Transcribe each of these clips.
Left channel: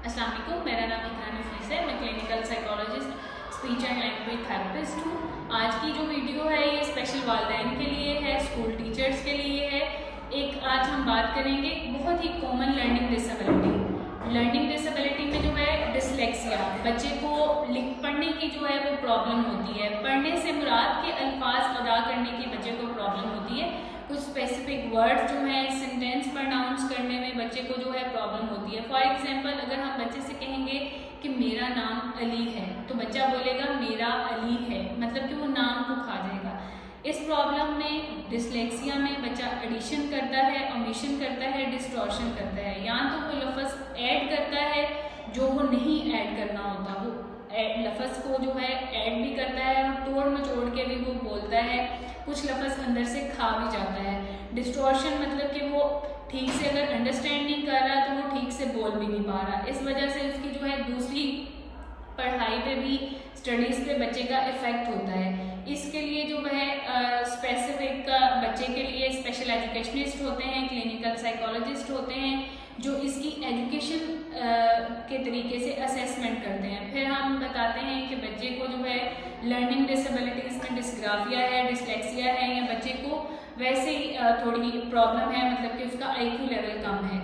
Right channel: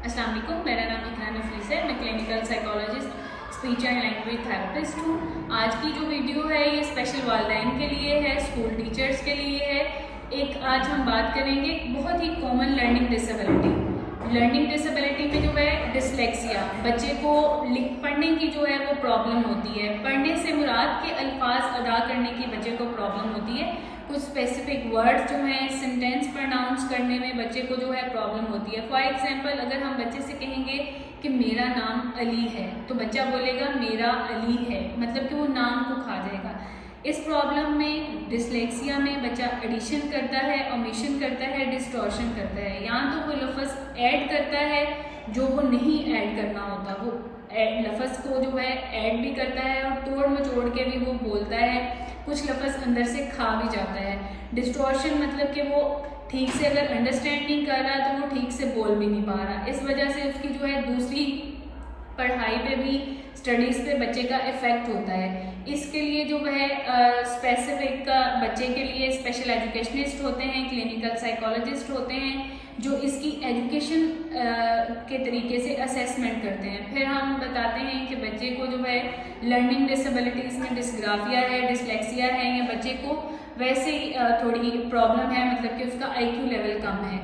अस्सलाम वालेकुम, मेरा नाम इकरा नफीस है। मैं clinical psychologist, speech and language therapist हूँ। आज की जो वीडियो है ये स्पेशल वालिदैन के लिए है, स्कूल टीचर्स के लिए है। आज हम बात करेंगे बहुत ही कॉमन लर्निंग डिसेबिलिटी में जो है डिसलेक्सिया। बच्चे को पढ़ने की जो है वो प्रॉब्लम होती है। पढ़ने से मुराद के अल्फाज अदा करने की बच्चे को प्रॉब्लम होती है। कुछ स्पेसिफिक वर्ड्स जो हैं सेंटेंस प्रोनाउंस करने में बच्चे को जो है प्रॉब्लम होती है। फॉर एग्जांपल, अगर हम बच्चे से कहेंगे कि मेरा नाम अली है, तो बच्चा बोलेगा मेरा अली है, मतलब कि वो नाम को खा जाएगा। इस प्रॉब्लम में, डिसलेक्सिया में, बच्चा एडिशन करता है, ओमिशन करता है, डिस्टॉर्शन करता है। या तो वो लफ्ज़ ऐड करता है जो वो नहीं ऐड करना होता, वो लफ्ज़ को जो है ऐड भी करता है और तोड़ मचोड़ के भी वो बोलता है। कुछ लफ्ज़ अंदर से खा भी जाता है। डिस्टॉर्शन मतलब कि वो ठीक से अगर अंडरस्टैंड नहीं कर रहा तो वो ठीक से बोल भी नहीं पा रहा। इस वजह से उसकी जो है दूसरी पढ़ाई पे भी, स्टडीज़ पे बच्चे का इफ़ेक्ट होता है। इसके लिए जो है स्पेसिफिक बच्चे के लिए स्पेशल एजुकेशनिस्ट होते हैं, क्लिनिकल साइकोलॉजिस्ट होते हैं, जो इसकी एजुकेशन के तरीके से असेसमेंट करते हैं। फिर हम बताते हैं कि बच्चे को जो है लर्निंग डिसेबिलिटीज़ में डिस्ग्राफिया है, डिसलेक्सिया है, या बच्चे को वैसे ही थोड़ी प्रॉब्लम है, मतलब कि उसका आईक्यू लेवल कम है।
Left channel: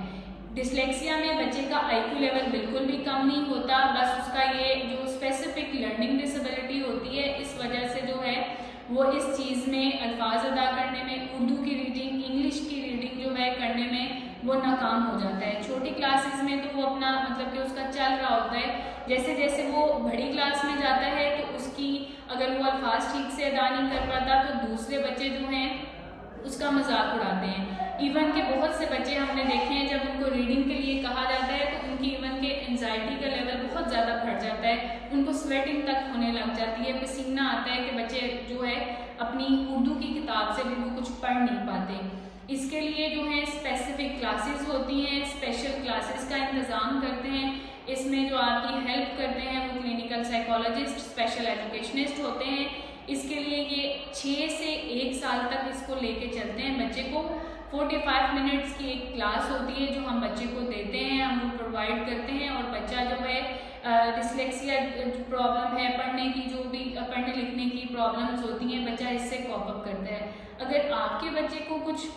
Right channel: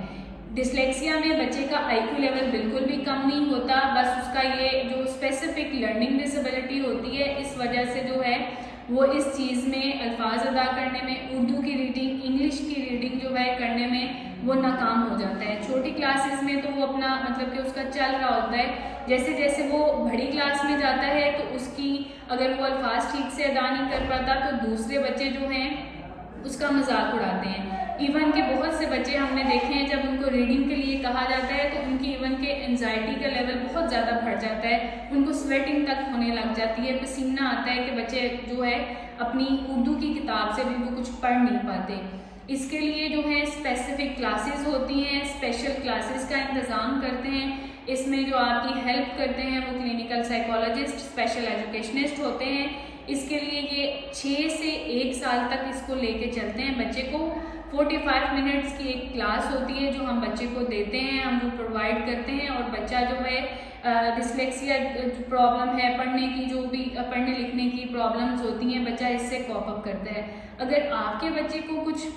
डिसलेक्सिया में बच्चे का आईक्यू लेवल बिल्कुल भी कम नहीं होता, बस उसका ये जो स्पेसिफिक लर्निंग डिसेबिलिटी होती है, इस वजह से जो है वो इस चीज़ में, अल्फाज अदा करने में, उर्दू की रीडिंग, इंग्लिश की रीडिंग जो है करने में वो नाकाम हो जाता है। छोटी क्लासेस में तो वो अपना मतलब कि उसका चल रहा होता है। जैसे जैसे वो बड़ी क्लास में जाता है तो उसकी, अगर वो अल्फाज ठीक से अदा नहीं कर पाता तो दूसरे बच्चे जो हैं उसका मजाक उड़ाते हैं। इवन के बहुत से बच्चे हमने देखे हैं, जब उनको रीडिंग के लिए कहा जाता है तो उनकी इवन के एंजाइटी का लेवल बहुत ज़्यादा बढ़ जाता है, उनको स्वेटिंग तक होने लग जाती है, पसीना आता है कि बच्चे जो है अपनी उर्दू की किताब से भी वो कुछ पढ़ नहीं पाते। इसके लिए जो है स्पेसिफिक क्लासेस होती हैं, स्पेशल क्लासेस का इंतज़ाम करते हैं। इसमें जो आपकी हेल्प करते हैं वो क्लिनिकल साइकोलॉजिस्ट, स्पेशल एजुकेशनिस्ट होते हैं। इसके लिए ये 6 से 1 साल तक इसको लेके चलते हैं। बच्चे को 45 मिनट्स की एक क्लास होती है जो हम बच्चे को देते हैं, हम वो प्रोवाइड करते हैं। और बच्चा जो है डिसलेक्सिया जो प्रॉब्लम है, पढ़ने की जो भी पढ़ने लिखने की प्रॉब्लम्स होती हैं, बच्चा इससे कॉप अप करता है। अगर आपके बच्चे को कुछ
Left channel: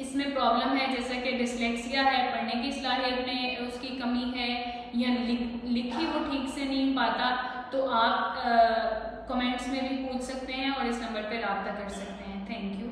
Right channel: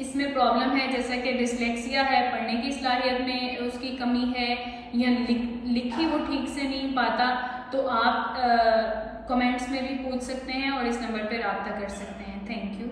इसमें प्रॉब्लम है, जैसा कि डिसलेक्सिया है, पढ़ने की सलाहियत में उसकी कमी है, या लिखी वो ठीक से नहीं पाता, तो आप कमेंट्स में भी पूछ सकते हैं और इस नंबर पर रब्ता कर सकते हैं। Thank you.